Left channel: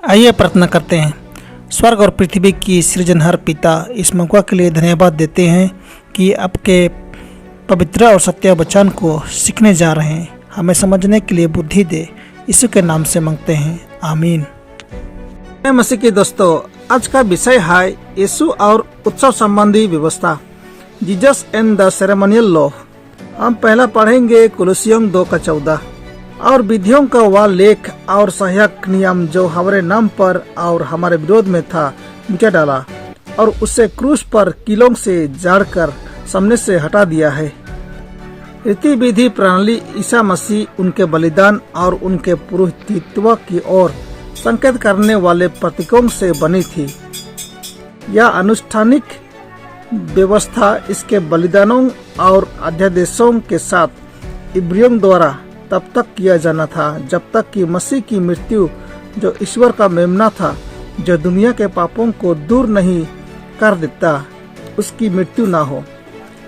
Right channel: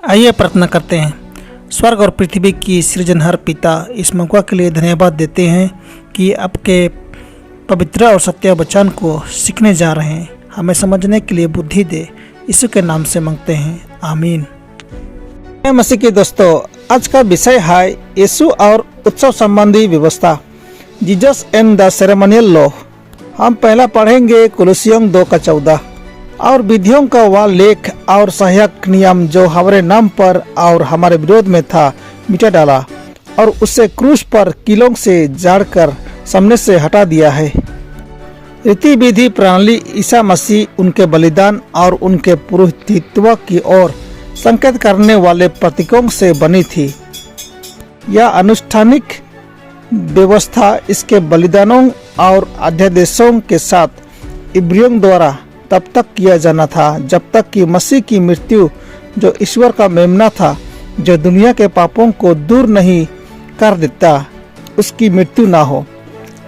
आइए प्रार्थना करते हैं। स्वर्ग और पृथ्वी की सृजनहार पिता, इस मौका के लिए धन्यवाद देते हैं कि आपके पवित्र और सत्य वचन को सीखने जा रहे हैं। हमें समझने के लिए बुद्धि दे, यीशु के नाम से मांगते हैं, आमीन। मसीह के दोस्तों, आज का विषय है यीशु और उत्सव संबंधी व्यवस्था, Jesus and the ceremonial law. हम पहला पढ़ेंगे कुलुसियों 2:14 और विधियों का वह लेख और सहायक नियम जो हमारे नाम पर और हमारे विरोध में था मिटा डाला और उसे क्रूस पर कीलों से जाड़कर सामने से हटा दिया है। रीति विधि प्रणाली ईसा मसीह उनके बलिदान और उनके पुरोहितत्व की ओर संकेत करने वाले प्रतीकों से बनी थी। यह अनुष्ठानिक व्यवस्था इसके बलिदानों और अध्यादेशों के साथ इब्रियों द्वारा तब तक किया जाना था जब तक कि मसीह की मृत्यु, जो ईश्वर का मेमना था, जो दुनिया के पापों को दूर नहीं कर देता, उसकी मृत्यु ना हो।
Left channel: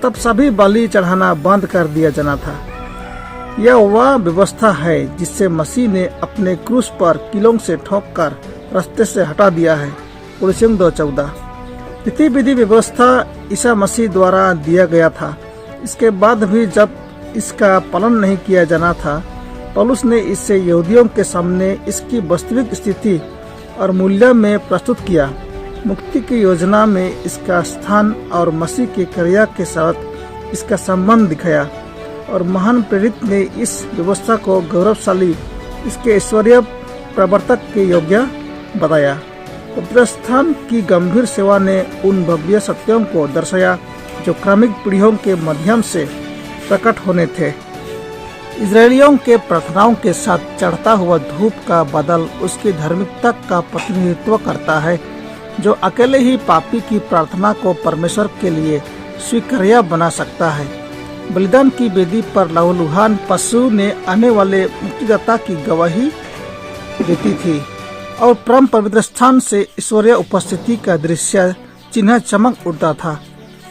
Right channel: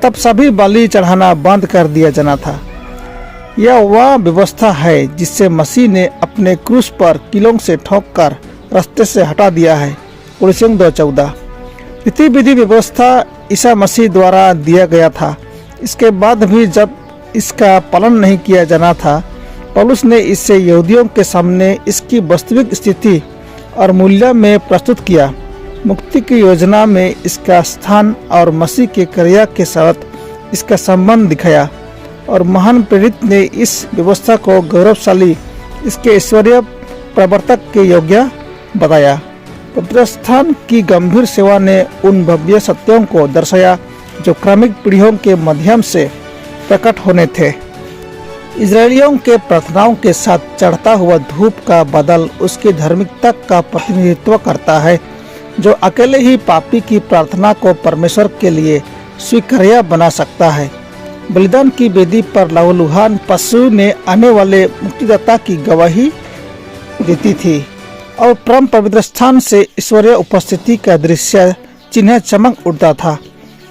तब सभी बलि चढ़ाना बंद कर दिया जाना था। यह वह व्यवस्था है जिससे मसीह ने अपने क्रूस पर कीलों से ठोककर रास्ते से हटा दिया है। कुलुसियों 2:14। रीति विधि व्यवस्था ईसा मसीह द्वारा दिया गया था। इसके बाद भी जब इसका पालन नहीं किया जाना था, पौलुस ने इसे यहूदियों के सामने इसकी वास्तविक स्थिति और मूल्य में प्रस्तुत किया। मुक्ति की योजना में इसका स्थान और मसीह के क्रिया के साथ इसका संबंध दिखाया और महान प्रेरित ने इस व्यवस्था को गौरवशाली, इसके ईश्वरीय प्रवर्तक के योग्य बताया। पवित्र स्थान की गंभीर सेवा ने उन भव्य सत्यों को दर्शाया जो क्रमिक पीढ़ियों के माध्यम से प्रकट होने थे। इजरायलियों के प्रार्थनाओं के साथ चढ़ता हुआ धूप का बदल उसकी धार्मिकता का प्रतिनिधित्व करता है, जो अकेले ही पापी की प्रार्थना को परमेश्वर के लिए स्वीकार्य बना सकता है। बलिदान की वेदी पर लहूलुहान पशु ने आने वाले मुक्तिदाता की गवाही देती थी और परम पवित्र स्थान से ईश्वरीय उपस्थिति का दृश्य चिन्ह चमक उठता था।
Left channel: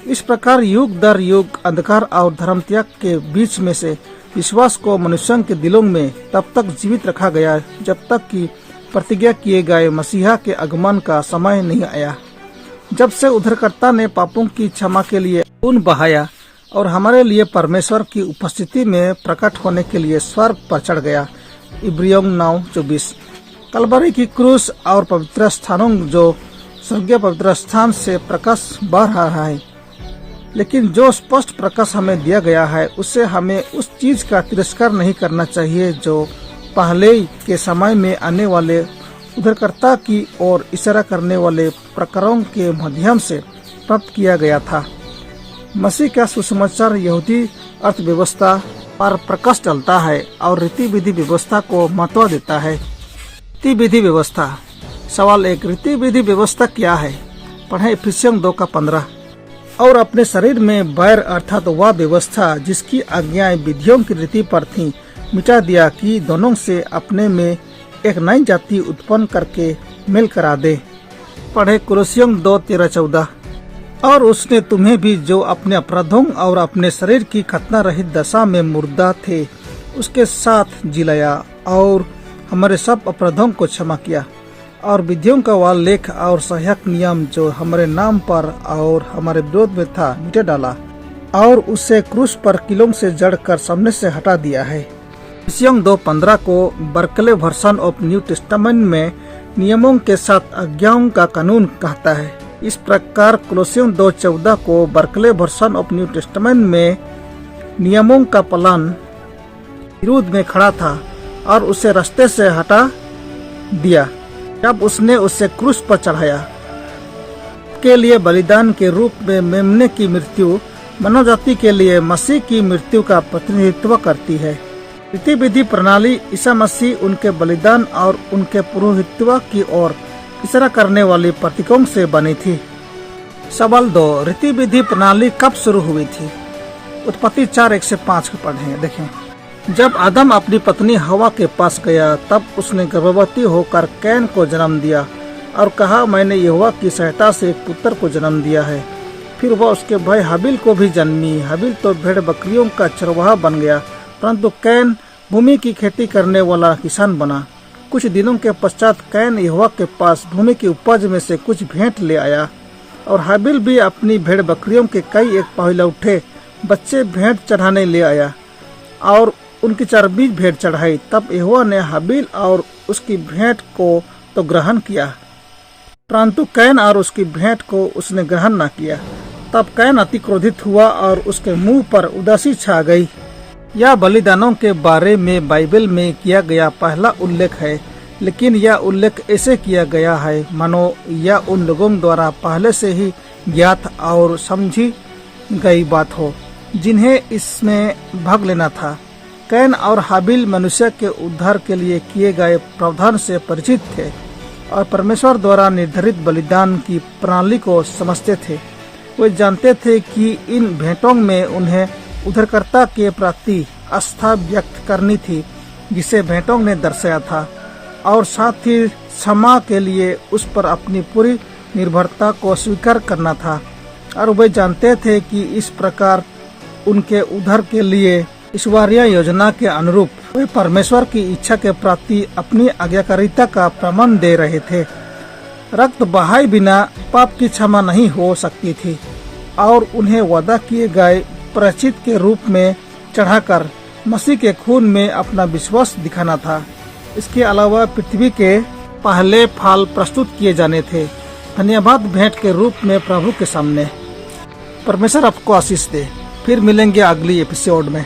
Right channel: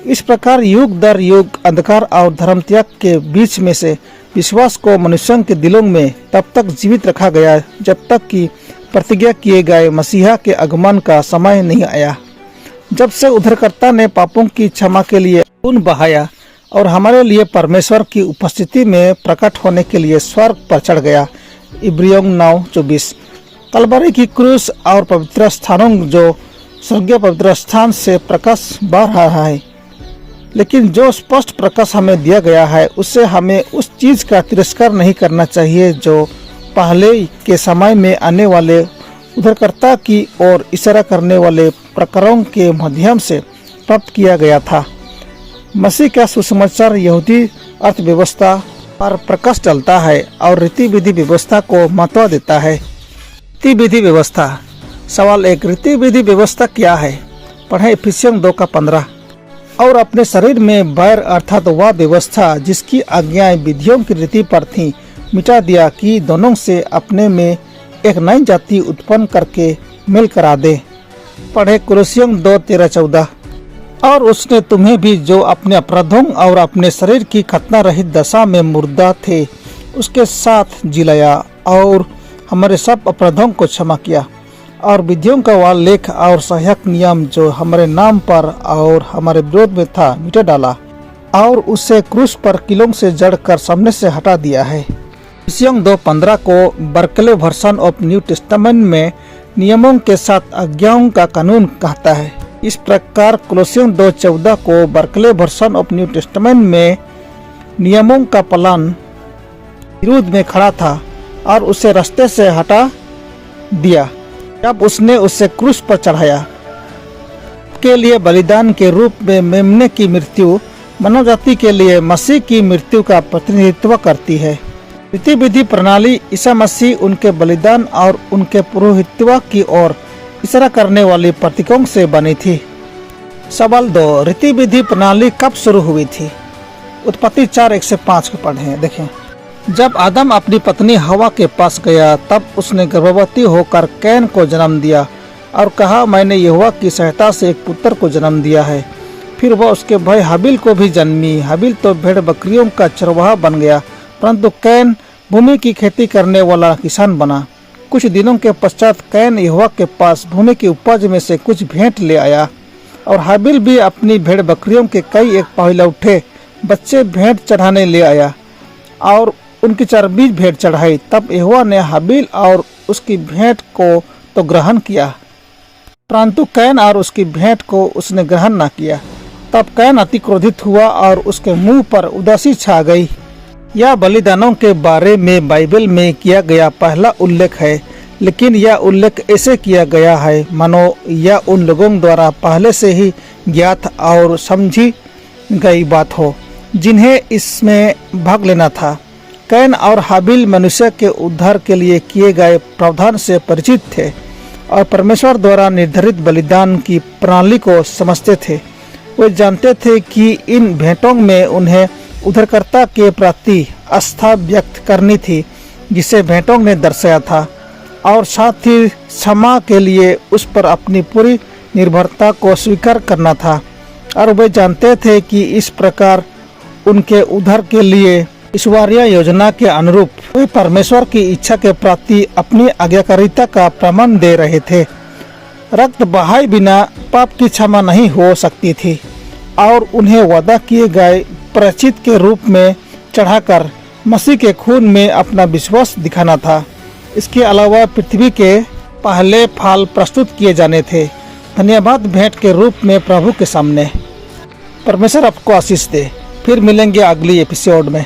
इस प्रकार युग दर युग अंधकार और धर्म त्याग के बीच में से विश्वास को मनुष्यों के दिलों में तब तक जीवित रखा गया जब तक कि प्रतिज्ञा किए गए मसीहा के आगमन का समय नहीं आया, जब से उद्धारकर्ता ने पापों की क्षमा के लिए खून बहाया और हमारे लिए परमेश्वर की उपस्थिति में प्रकट होने के लिए स्वर्ग पर चढ़ गया। इब्रियों 9:24। कलवरी की क्रूस और पवित्र स्थानों जो स्वर्गीय पवित्र स्थान से प्रकाश बह रहा है, लेकिन जो स्पष्ट प्रकाश हमें दिया गया है उससे हमें उस चीज का तिरस्कार नहीं करना चाहिए जो पहले के समय में आने वाले उद्धारकर्ता की ओर इशारा करने वाले प्रकरणों के माध्यम से प्राप्त किया गया था। मसीह का सुसमाचार यहूदी अर्थव्यवस्था पर प्रकाश डालता है और रीति विधि व्यवस्था को महत्व देता है। रीति विधि व्यवस्था। सवाल 1, रीति विधि व्यवस्था क्या है? पढ़ें इफिसियों 2:15। और अपने शरीर में बैर अर्थात वह व्यवस्था जिसकी आज्ञाएं विधियों की रीति पर थी मिटा दिया कि दोनों से अपने में एक नई जाति उत्पन्न करके मेल करा दे। पढ़े कुलुसियों 2:13-14। और उसने तुम्हें भी जो अपने अपराधों और अपने शरीर की खतना रहित दशा में मुर्दा थे उसके साथ जिलाया और हमारे सब अपराधों को क्षमा किया और विधियों का वह लेख और सहायक नियम जो हमारे नाम पर और हमारे विरोध में था मिटा डाला और उसे क्रूस पर कीलों से जड़कर सामने से हटा दिया है। इफिसियों 2:15 को Berkeley version of new testament में नियमों के साथ आज्ञाओं का कानून कहता है। इस प्रकार कुलुसियों 2:14 को Berkeley version of new testament में नियमों का पालन विरोध में खड़ा था और उसे रास्ते से हटा दिया जब उसने उसे क्रूस पर चढ़ाया। के लिए बलिदान के रूप में मेमने की मृत्यु मानव जाति के लिए मसीह की मृत्यु का प्रतिनिधित्व करती है। रीति विधि प्रणाली ईसा मसीह उनके बलिदान और उनके पुरोहितत्व की ओर इशारा करने वाली प्रतीकों से बनी थी। सवाल 2, रीति विधि प्रणाली कब शुरू हुई थी? उत्पत्ति 4:1-5 को पढ़ें। देखें, जब आदम अपनी पत्नी हवा के पास गया तब उसने गर्भवती होकर कैन को जन्म दिया और कहा, मैंने यहोवा की सहायता से एक पुत्र को जन्म दिया है। फिर वह उसके भाई हाबिल को भी जन्मी। हाबिल तो भेड़ बकरियों का चरवाहा बन गया, परंतु कैन भूमि की खेती करने वाला किसान बना। कुछ दिनों के पश्चात कैन यहोवा के पास भूमि की उपज में से कुछ भेंट ले आया, और हाबिल भी अपनी भेड़ बकरियों के कई एक पहिलौठे बच्चे भेंट चढ़ाने ले आया और उनकी चर्बी भेंट चढ़ाई। तब यहोवा ने हाबिल और उसकी भेंट को तो ग्रहण किया, परंतु कैन और उसकी भेंट को उसने ग्रहण न किया। तब कैन अति क्रोधित हुआ और उसके मुंह पर उदासी छा गई। यह बलिदानों के बारे में बाइबल में किया गया पहला उल्लेख है, लेकिन यह उल्लेख ऐसे किया गया है मानो यह उन लोगों द्वारा पहले से ही ज्ञात और समझी गई बात हो जिन्हें इसमें भाग लेना था। कैन और हाबिल मनुष्य के उद्धार के लिए किए गए प्रावधान से परिचित थे और परमेश्वर द्वारा निर्धारित बलिदान की प्रणाली को समझते थे। वे जानते थे कि इन भेंटों में उन्हें उद्धारकर्ता के प्रति आस्था व्यक्त करनी थी जिसे भेंटों ने दर्शाया था, और साथ ही क्षमा के लिए उस पर अपनी पूरी निर्भरता को स्वीकार करना था। और वे जानते थे कि इस प्रकार उनके उद्धार के लिए ईश्वरीय योजना के अनुरूप वे परमेश्वर की इच्छा के प्रति अपनी आज्ञाकारिता का प्रमाण दे रहे थे। रक्त बहाए बिना पाप की क्षमा नहीं हो सकती थी और उन्हें वादा किए गए प्रायश्चित के रूप में चढ़ाकर मसीह के खून में अपना विश्वास दिखाना था। इसके अलावा पृथ्वी के पहले फल प्रस्तुत किए जाने थे, धन्यवाद भेंट के रूप में प्रभु के सामने। परमेश्वर आपको आशीष दे। फिर मिलेंगे अगली एपिसोड में।